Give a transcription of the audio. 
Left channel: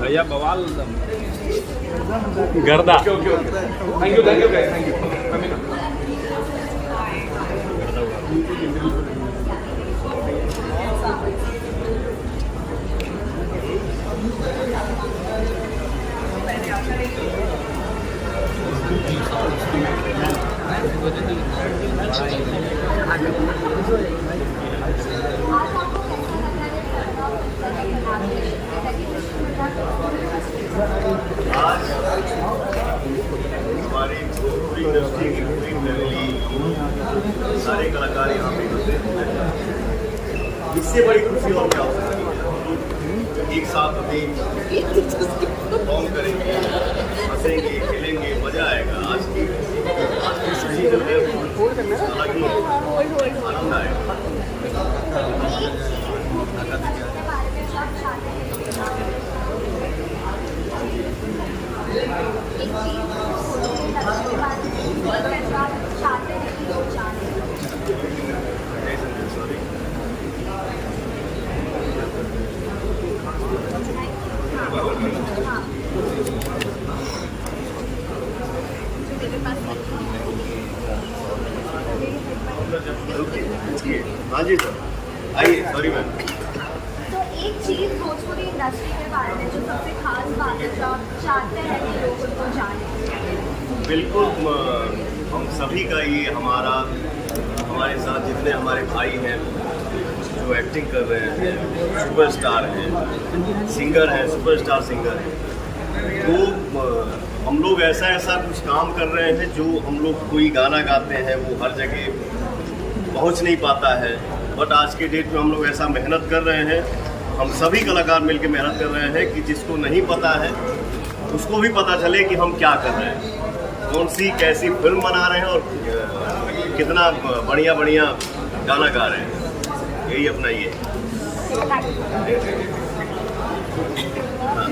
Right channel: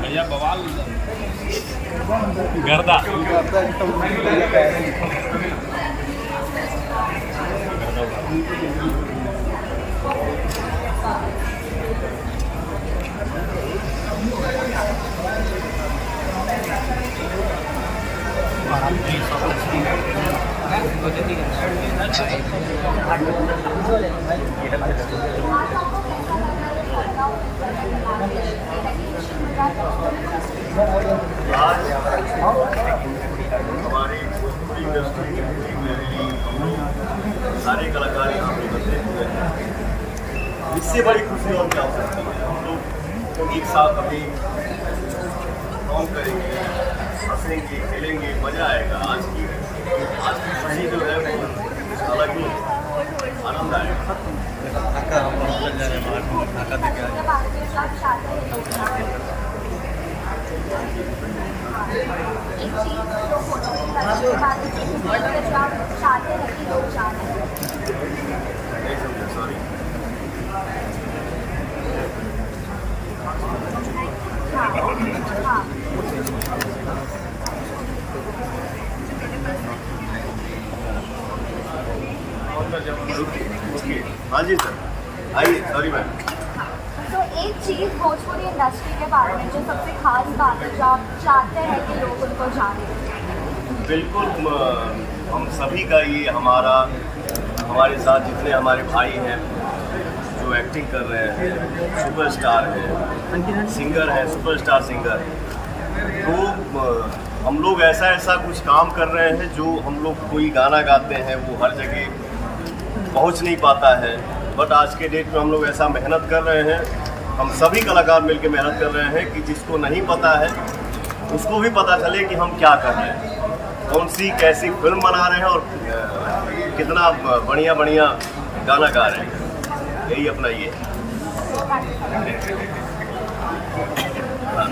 भैया बवाल गर्दा आज हमारी भोजपुरी इंडस्ट्री की पूरी फैमिली, हम लोग सारे कलाकार यहाँ पे एकत्रित हुए हैं। इससे बड़ी खुशी और क्या हो सकती है। हम लोग एक साथ अभी परफॉर्म करेंगे, हंसेंगे, खेलेंगे, मजा आएगा। आज की खुशी जो है वो अलग ही आनंद आएगा। एक चीज जो फोटो की इंडस्ट्री के बारे में जो आप चाहते हैं कि लोग जानें। नहीं समझे, सॉरी। हाँ। हाँ जी सर, आइए। Sorry ma'am. तो एक चीज भोजपुरी इंडस्ट्री के बारे में जो सबसे खास बात है जो आप चाहते हैं कि लोग उनको जानें। बिल्कुल, हम सभी का ये हमारे साथ जितने हमारे भाई हैं जो एक्टिंग कर रहे हैं, सुपरस्टार हैं, सिंगर हैं, सुपरस्टार सिंगर हैं, तो हम लोग ऐसा कुछ काम कर रहे हैं जो हम लोग कोई गाना गाते हैं वो हर जगह पहुंच नहीं पाता है। बट आज के डेट में हम लोग ऐसा मेहनत कर रहे हैं, हम सभी कलाकार मिलकर मेहनत कर रहे हैं कि जिसको नहीं पता है उसको भी पता चले कि हम क्या कर रहे हैं, कौन सी कैसी फिल्म बना रहे हैं और कितना बढ़िया गाना गा रहे हैं। यही अपना ये हाँ।